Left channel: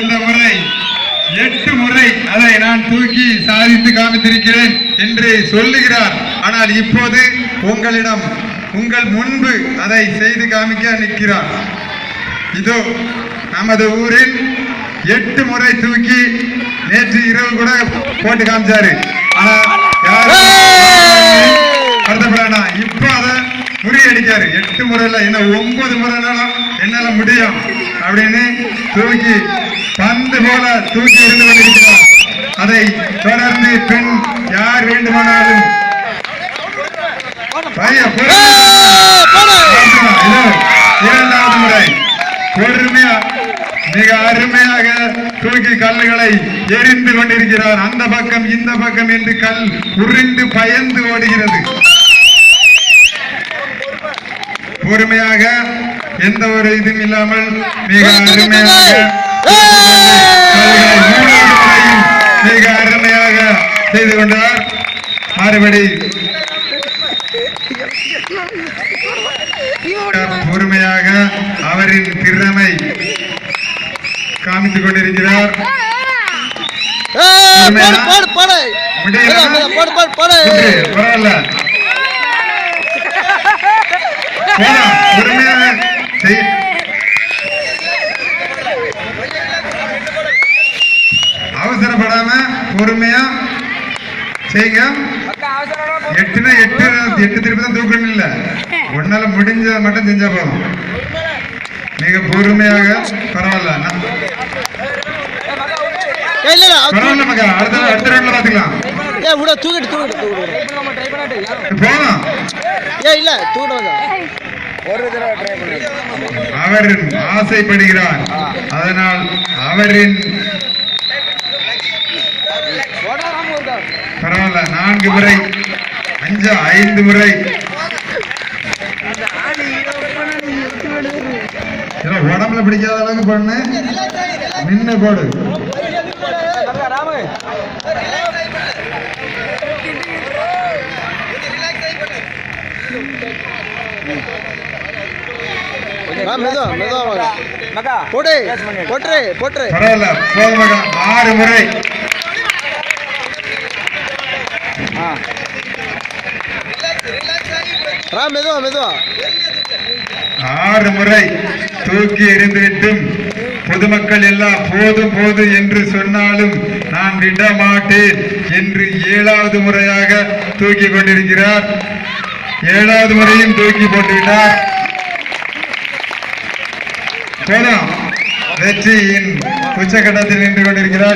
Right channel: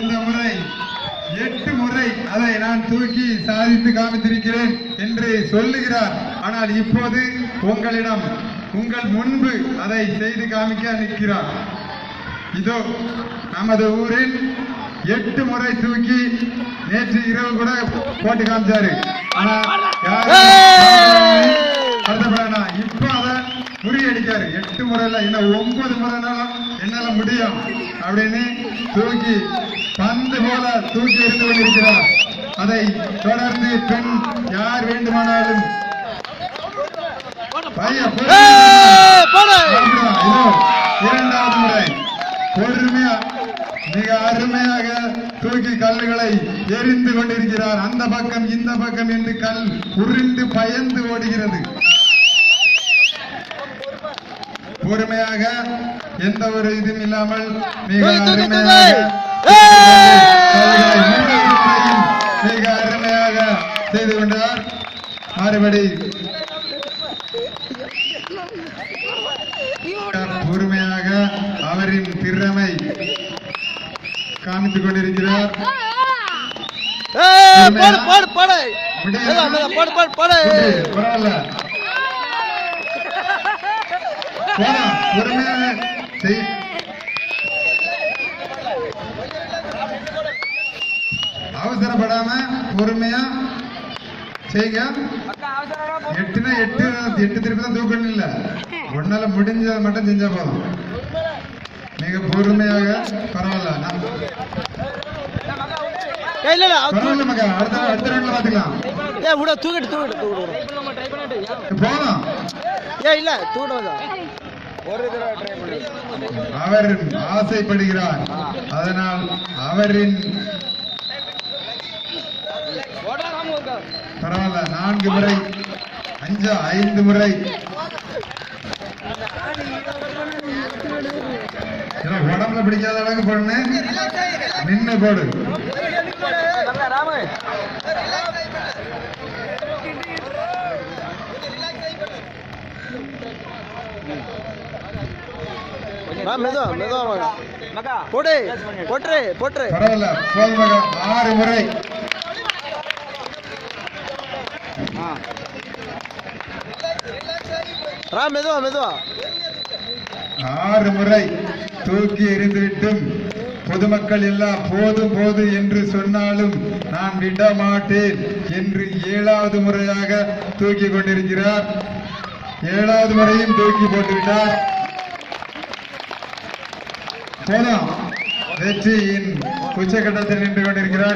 இந்த முறை 8 முறை அதை நான் தூக்கி சாதித்து காமித்திருக்கிறேன் என்று சொல்லுகிறார். ஆனால் இப்போது உங்கள் முன்பு அதை செய்து காமிக்க நிற்கிறார். இதோ நமது ஊரில் 8 முறை தூக்கி நேற்று இரவு கூட போட்டு காமிச்சாரு. ஆனா இப்ப அதை முறியடிக்காரு. 8 முறையில இன்னும் 9 முறைனாலும் என்னால முடியும் அப்படின்னு தூக்கி பந்து போல தூக்கி இருந்து கொண்டிருக்கிறார். அதை தொடர்ந்து பெண் யார் வேண்டுமானாலும் இரண்டாவது முறை பொறுமையா மிக அருமையாக தூக்கி கல்லுகளை எரிந்து கொண்டிருக்கிறார். அந்த பக்கம் இந்த பக்கம் என்று கல் உருண்டு பயந்து ஓடுகிறது. பொறுமையாக எந்த ஒரு இதுவும் இல்லாமல் மிக அருமையாக செய்து கொண்டார். மறுபடி பொறுமையாக அவரின் திறமை காமித்துக் கொண்டிருக்கிறார். அவசரப்படாம பொறுமையா செய்யுங்க. 8னா 8 திருப்பி தான் தூக்கணும் இல்ல, ஒன்னால முடிஞ்ச மட்டும் செஞ்சா போதும். மிக பொறுமையாக பரவாயில்ல மகா. அடுத்த ரவுண்ட்ல பாத்துக்கலாம். அவர் ஆசைப்படுகிறார். அதனால் அவரின் பரவாயில்ல 4 முறை 5 முறை உடம்புல பிடிக்காத அளவுக்கு பண்ணு, நின்று போடு. பரவாயில்ல 6 முறை மெதுவா 6 முறை தூக்கி எறிந்துவிட்டும் பொதுமக்கள் எல்லாம் போது என்று சொன்னாலும் நான் விட மாட்டேன் என்று 7வது முறையாக தூக்கி கொண்டிருக்கிறார். 7வது முறையும் தூக்கி போட்டுவிட்டார். போதும், வெற்றியின் உச்சகட்டத்தில் நின்று கொண்டிருக்கிறார்.